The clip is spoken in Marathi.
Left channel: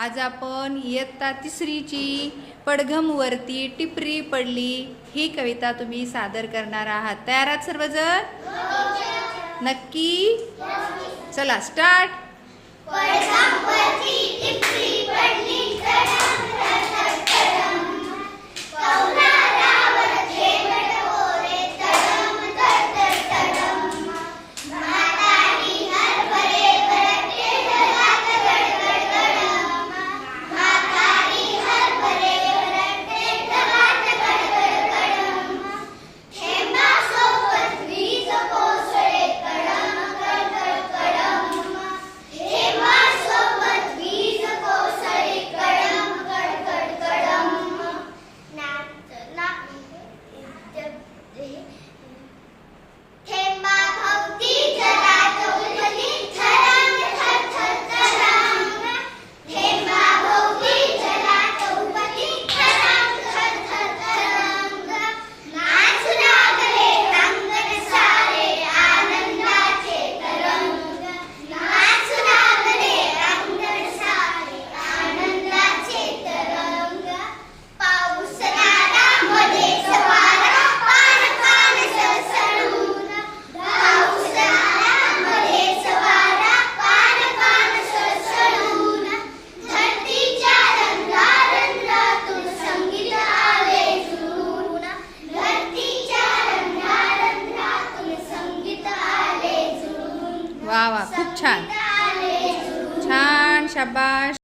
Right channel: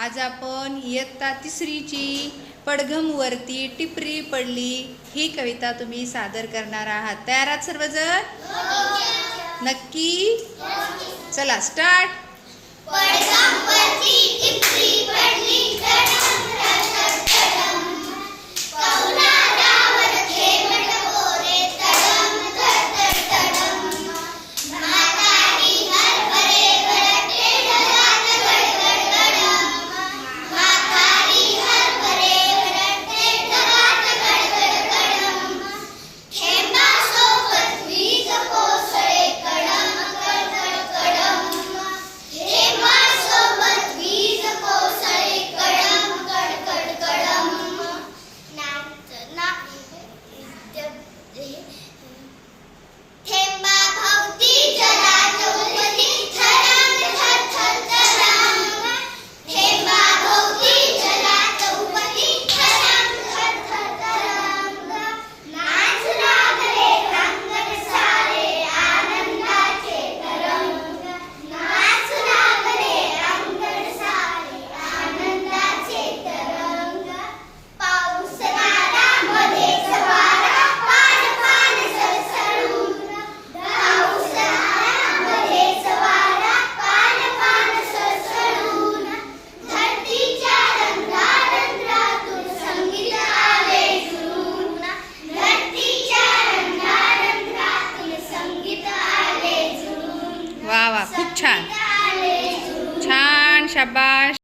आज आपण इयत्ता तिसरीची पडघमवरती टिपरी पडली. ही कविता तुम्ही सादर करणार आहात. तयार आहात सर्वजण? नक्की? चला स्टार्ट वा वा खूप छान. छान शाबाश